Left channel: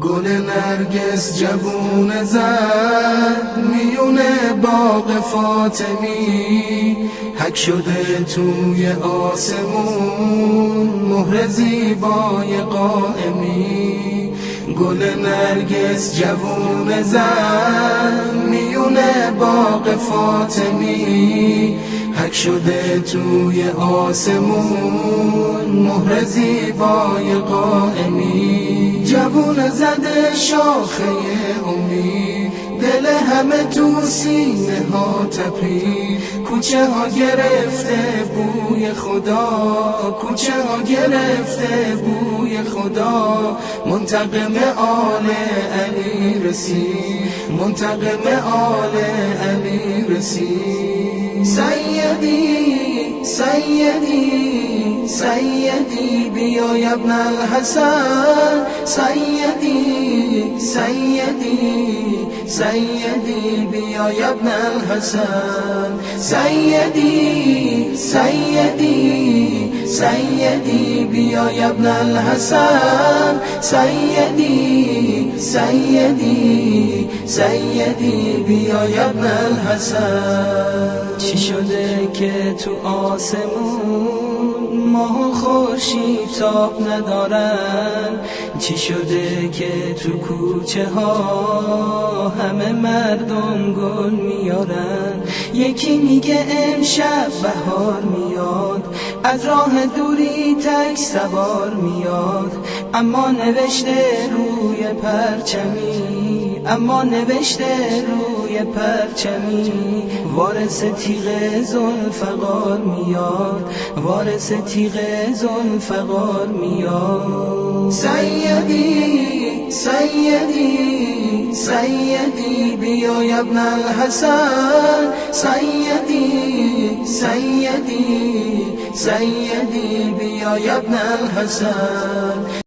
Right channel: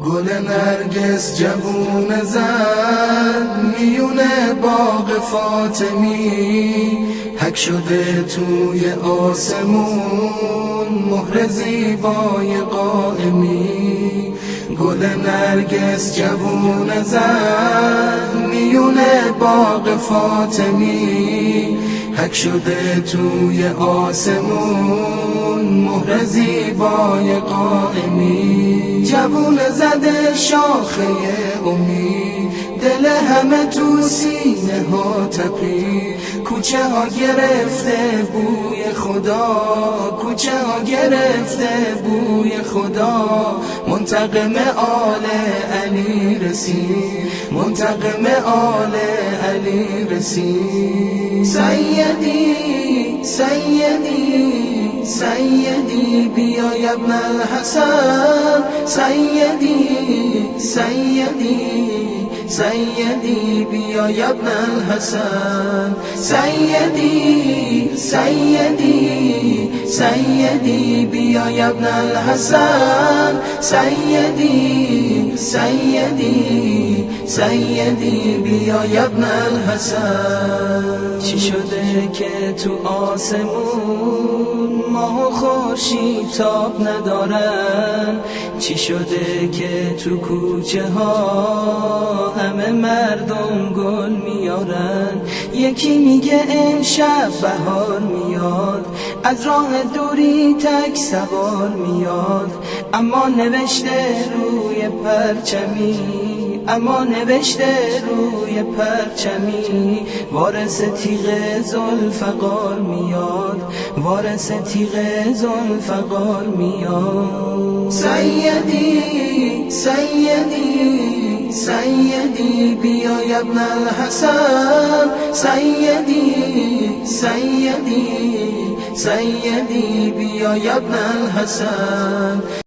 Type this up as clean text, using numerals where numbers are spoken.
گل نرگس جوون زد میونه باغ فاطمی، حک شده توی آسمون مهر زیبای قائمی. گل نرگس جوون زد میونه باغ فاطمی، حک شده توی آسمون مهر زیبای قائمی. جوون زده شاخه امید، دل همه تو سینه ها تپی. کوچه ها گرفته بوی خدا، کوچه ها گرفته بوی خدا. منتقم آل علی رسید، منتقم آل علی رسید. سیدی سیدی سیدی بیا یا ابن الحسن، سیدی سیدی سیدی بیا یا ابن الحسن. سیدی سیدی سیدی بیا یا ابن الحسن. سیدی سیدی سیدی بیا یا ابن الحسن. چی شده که تو آسمون ماه و خورشید تاب ندارن؟ چی شده که تو کوچه ها همه مردم گل میارن؟ یکی میگه امشب بهار میاد، از راه دوری تک سوار میاد. اما نوشته روی پرچمی، اما نوشته روی پرچمی، وارث تیغ ذوالفقار میاد، وارث تیغ ذوالفقار میاد. سیدی سیدی سیدی بیا یا ابن الحسن. سیدی سیدی سیدی بیا یا ابن الحسن.